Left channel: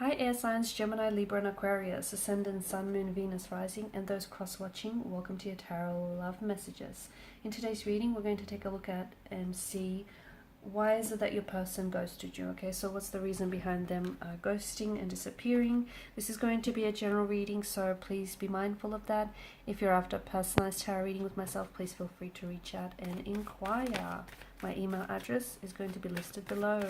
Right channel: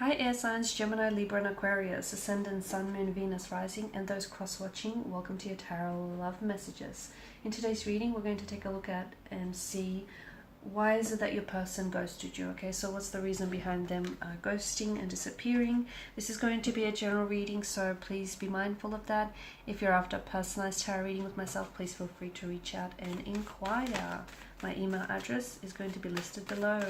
Hi air signs Gemini, Libra and Aquarius, Ascendant, Sun, Moon, Venus, Rising, and those cross-watching, welcome to your Tarot Love Messages. In today's reading, we're going to take a look at and see why is it that your person ghosted you, okay? So what's the reason behind them ghosting and disappearing? This is going to be a general reading, so please be mindful of that. If you're after a personalized tarot reading with myself, please feel free to reach out and inquire. My email address is going to be listed below.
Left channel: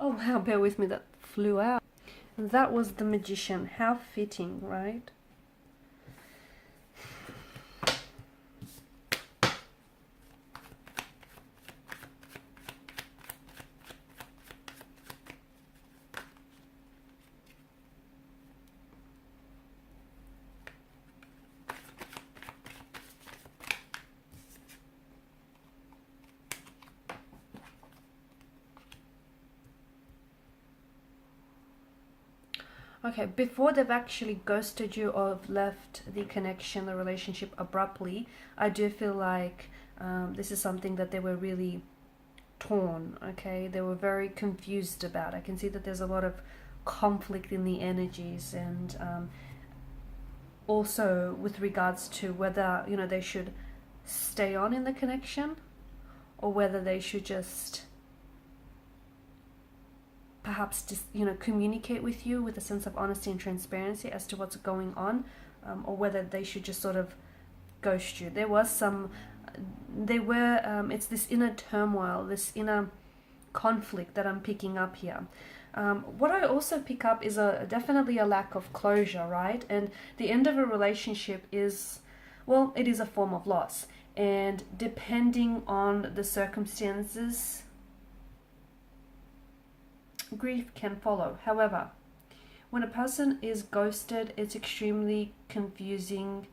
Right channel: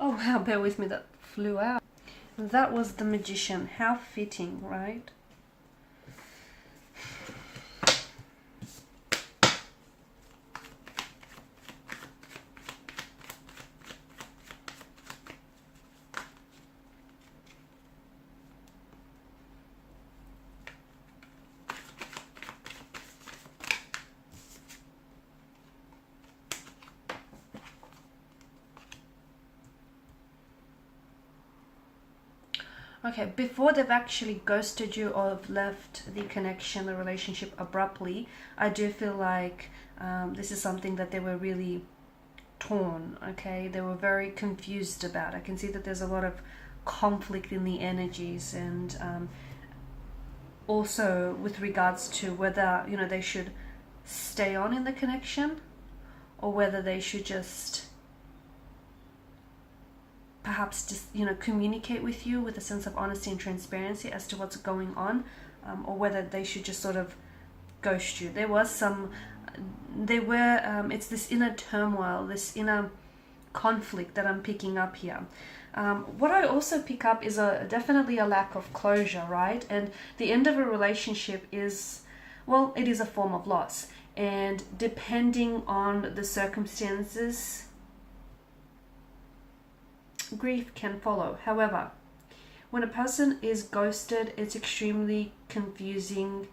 Oh wow, bear with me, that flew out. That was the Magician. How fitting, right? Okay, before they've actually ghosted you or have left the connection, the relationship abruptly, I do feel like this is something that they were really torn, okay? They were very confused about. I can see that there's a lot of conflict in the energies, and also with regards to whether, you know, they should stay on in the connection or whether they should just perhaps just, you know, communicate with you with a sense of honesty and transparency as to what's going on, or whether they should just sort of ghost you. There was some, it's this inner turmoil, this inner conflict that I'm picking up here. What I also pick up is definitely a lack of closure, right? And the end of a relationship is, well, it is a form of loss. And depending on the circumstances, grief can follow. However, when a person is ghosted, it's extremely confusing,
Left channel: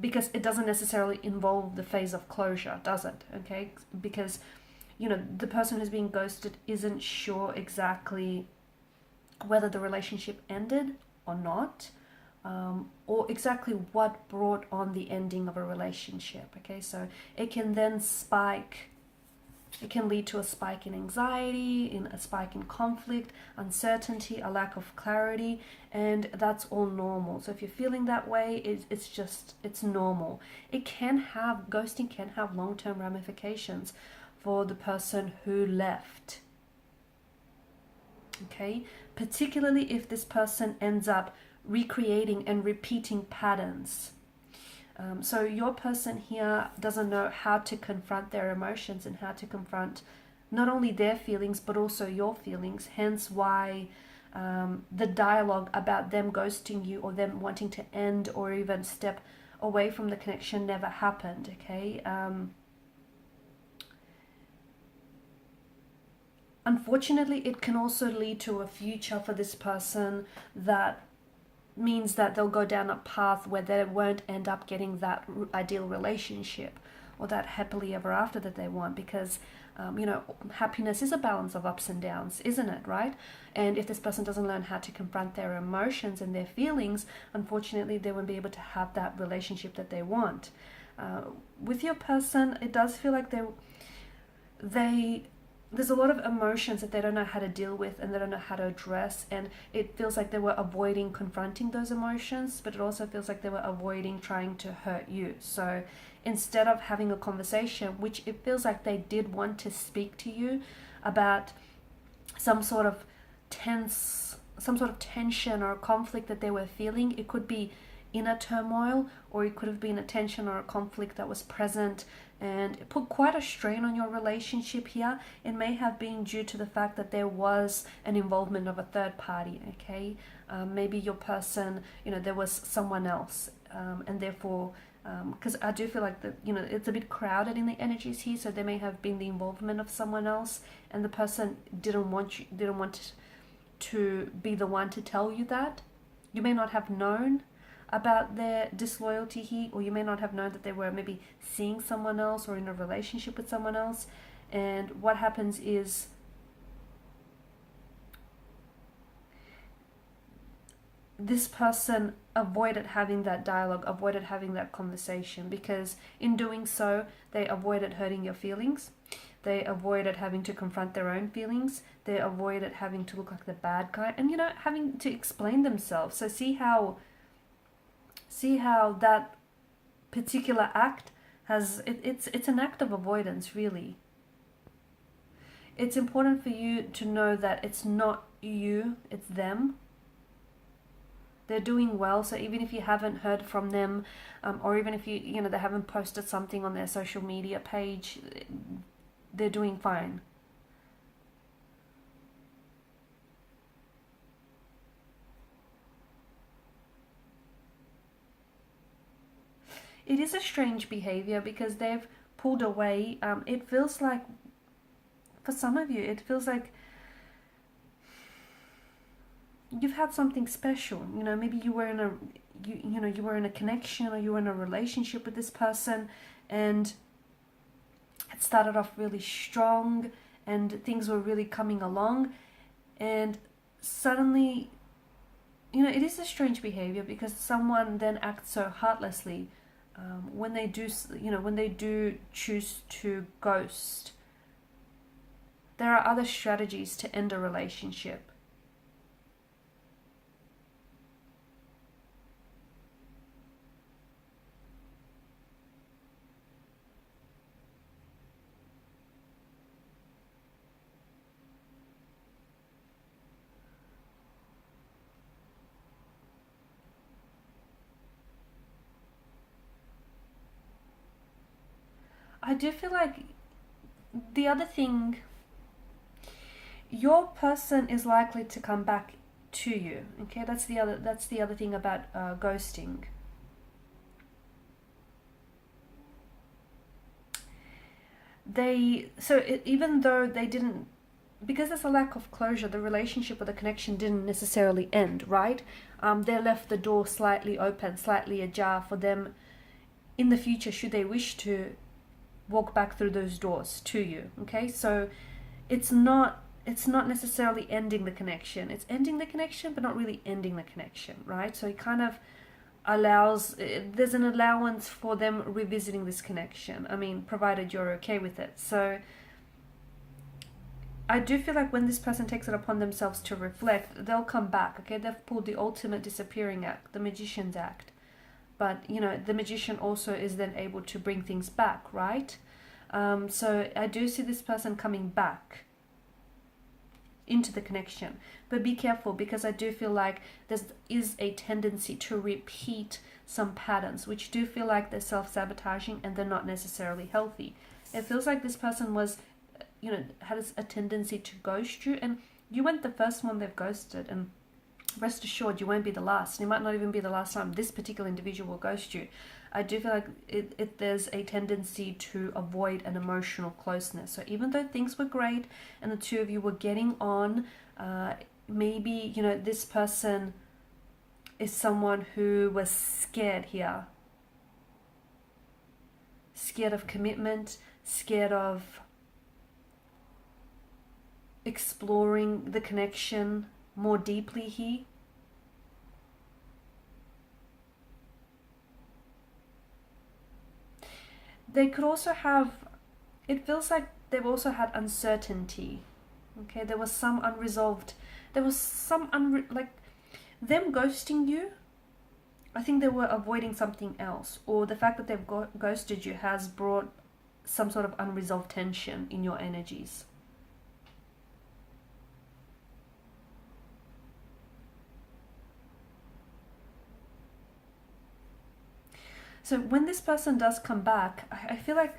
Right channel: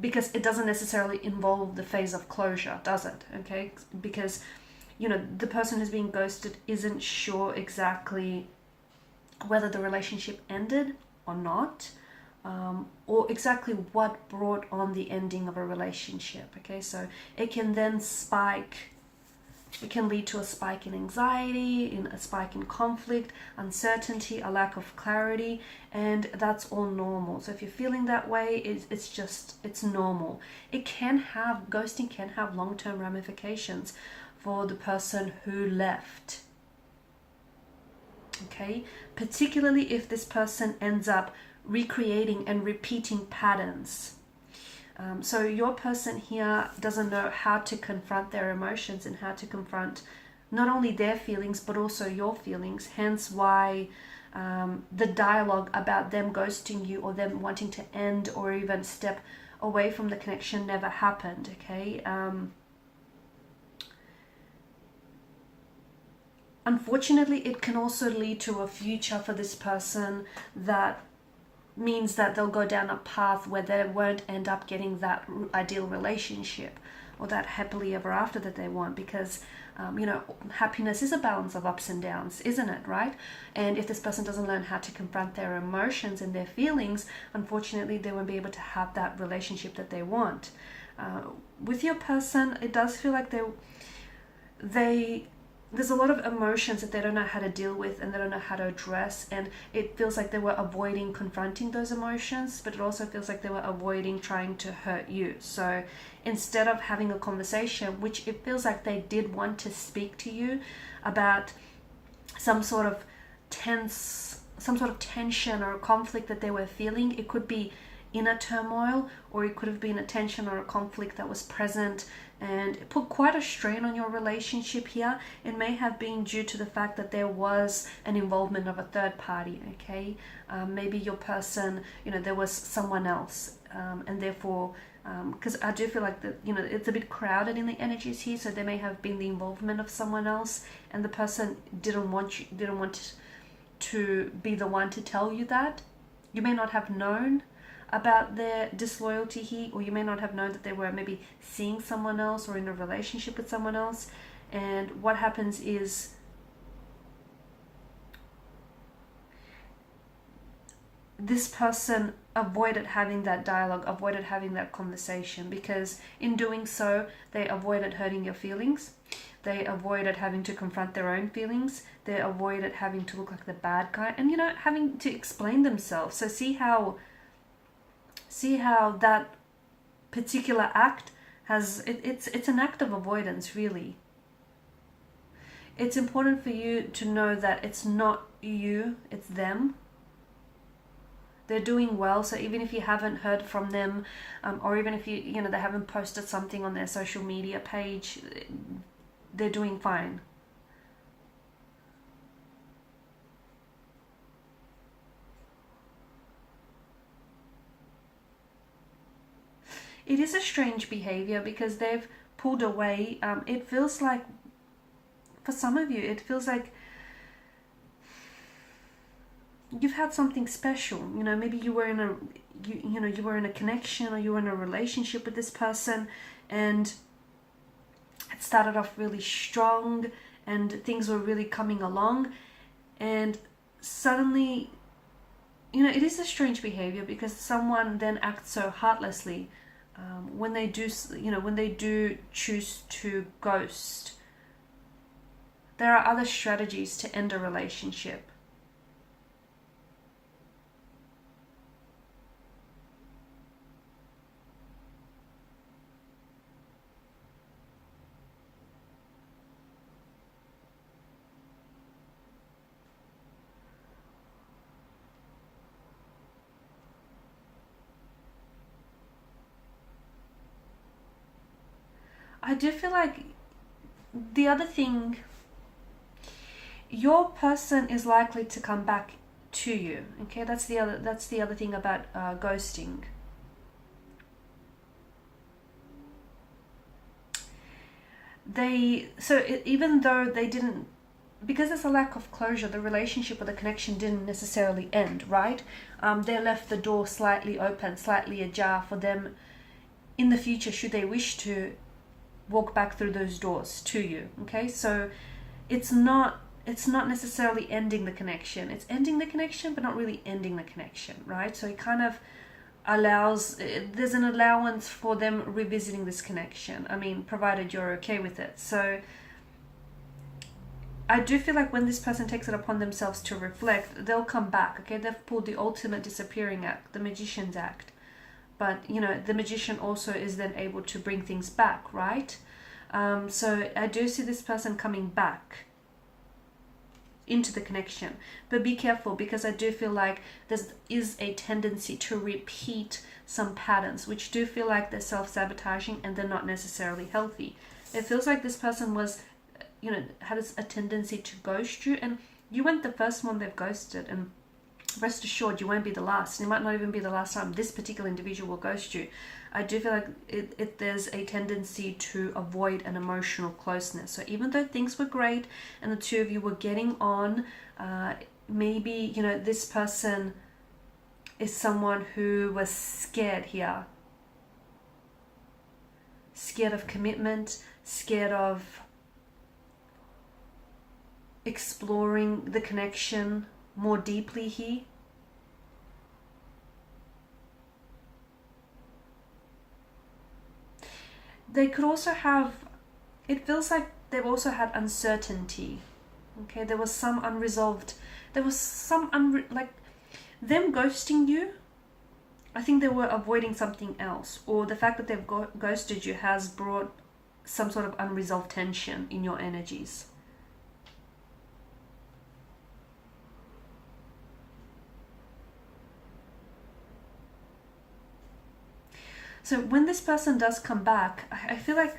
because it doesn't necessarily involve the phase of closure, does it? Okay, because, you know, the person who's being ghosted isn't sure exactly whether the relationship ended or not, or exactly what brought on the ending of a relationship. Okay, so it can then spike. It can lead to a spike in anxiety, in a spike in conflict, uncertainty, a lack of clarity, and that's all normal. So if you're feeling that way, it's normal. Ghosting can have long-term ramifications for the person who left. Okay, particularly if this person ends up recreating and repeating patterns. So your person here doesn't know how to confront their emotions and how to confront not only their feelings but also your feelings, hence why the dialogue about them ghosting you or them wanting to end or even step away from the connection never happened, okay? Unfortunately, it can also lead to a future for this person that means that they'll go down a path where they won't end up getting that ideal relationship or that happily ever after that they want, because you know, happiness is a balance of ups and downs, isn't it, right? And if this person doesn't learn how to confront their emotions and their feelings, unfortunately they won't be able to have that relationship that they want. With your person, it does feel like there's a lot of emotions that they don't know how to deal with and they don't know how to address, and it feels like they were avoiding confronting those emotions, but it also feels like they were avoiding trying to hurt you. So instead of having a conversation, which it feels like they did want to speak to you about some sort of tension or conflict that they were feeling, it could be inner turmoil, or it could have been a tension or a conflict that was present and it put quite a strain on your relationship here. It may have been due to the fact that there was an involvement of a third party, okay? Maybe your person, you know, there was someone else, and therefore, because I do feel like that, you know, it's a bit crowded in the energies here, so there may have been the involvement of someone else, and the person didn't want to be the one to tell you that. You may not have known about their disloyalty here, or you may not have known that they were maybe seeing someone else or in a relationship with someone else. And what happens is this person avoided having that dialogue, avoided having that conversation, because in doing so, they avoided hurting your feelings. They avoided having to confront their own feelings. They avoided having to look like the bad guy and, having to explain themselves. So see how that particular act it's an act of avoidance, really. It's important for you to know that it's not you, it's them. They're doing well, so even if you haven't heard from them, or even if they haven't posted something on their social media page, they're doing fine. It is a strange behavior because they've pulled away. It feels like, for some of you, it feels like you've had something special. Maybe you were in a you were in a connection, or you were in a relationship with this person, and it started off really strong and things were really coming along, and suddenly, it is a strange behavior because someone then acts so heartlessly when they do choose to ghost. There are other strategies to end a relationship. I do feel like the other thing, your person is likely to come back to you. Okay, that's the other thing about ghosting. Even though they didn't, because there's a lack of closure, the relationship or the connection didn't necessarily end, right? They left the door slightly open, slightly ajar for them in the future, should they wish to walk back through those doors to you. Okay, so it's not necessarily ending the connection. It's ending the connection, but not really ending the connection, right? So it kind of allows, there's an allowance for them revisiting this connection. I mean, provided you're okay with it. So I do feel like when this person takes it upon themselves to reflect, they'll come back. Okay, they've pulled the ultimate disappearing act, the magician's act. But the magician also is then able to bring things back, right? So I do see this person coming back into the connection, but be careful, because I do feel like there is a tendency to repeat some patterns, which do feel like they're self-sabotaging and they're not necessarily healthy. It feels like this person was, had a tendency to ghost you, and you weren't the first one they've ghosted, and rest assured you won't be the last. It might not even be the last time this particular individual will ghost you. I do feel like there's a tendency to avoid an emotional closeness. So even though things were great and the two of you were getting on, maybe this person is someone who was scared here, scared of commitment, scared of exploring the connection more deeply here. They could also have, it feels like they've also had uncertainty. Okay, there was some unresolved, like them ghosting you, I think they were avoiding something else, or the fact that they've ghosted you has brought some sort of unresolved tension in your energies. So when this person does come back, I feel like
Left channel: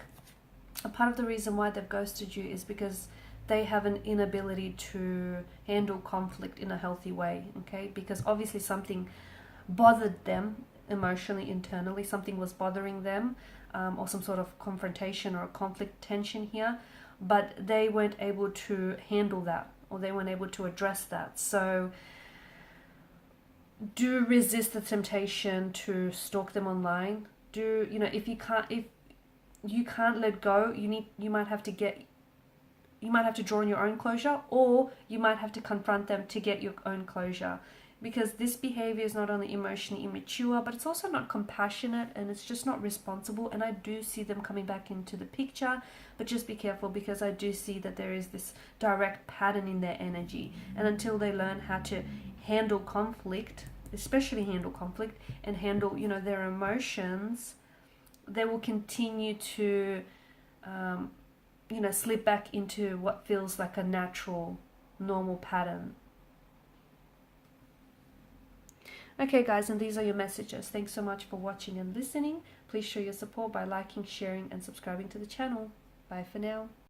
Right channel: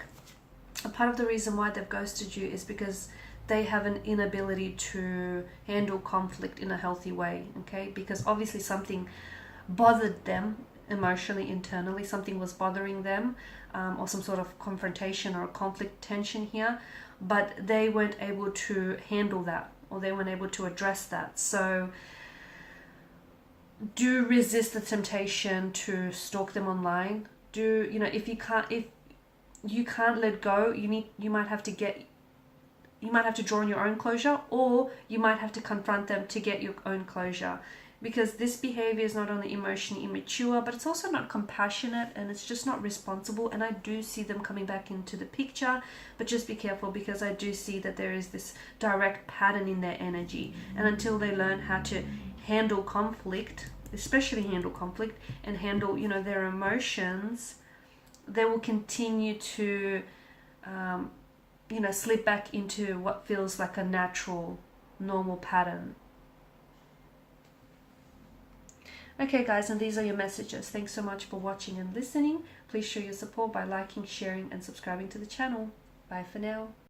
a part of the reason why they've ghosted you is because they have an inability to handle conflict in a healthy way, okay? Because obviously something bothered them emotionally, internally, something was bothering them, or some sort of confrontation or conflict tension here, but they weren't able to handle that, or they weren't able to address that. So do resist the temptation to stalk them online. Do, you know, if you can't let go, you might have to draw on your own closure, or you might have to confront them to get your own closure, because this behavior is not only emotionally immature, but it's also not compassionate, and it's just not responsible. And I do see them coming back into the picture, but just be careful, because I do see that there is this direct pattern in their energy, and until they learn how to handle conflict, especially handle conflict and handle, you know, their emotions, they will continue to you know, slip back into what feels like a natural, normal pattern. Okay guys, and these are your messages. Thanks so much for watching and listening. Please show your support by liking, sharing and subscribing to the channel. Bye for now.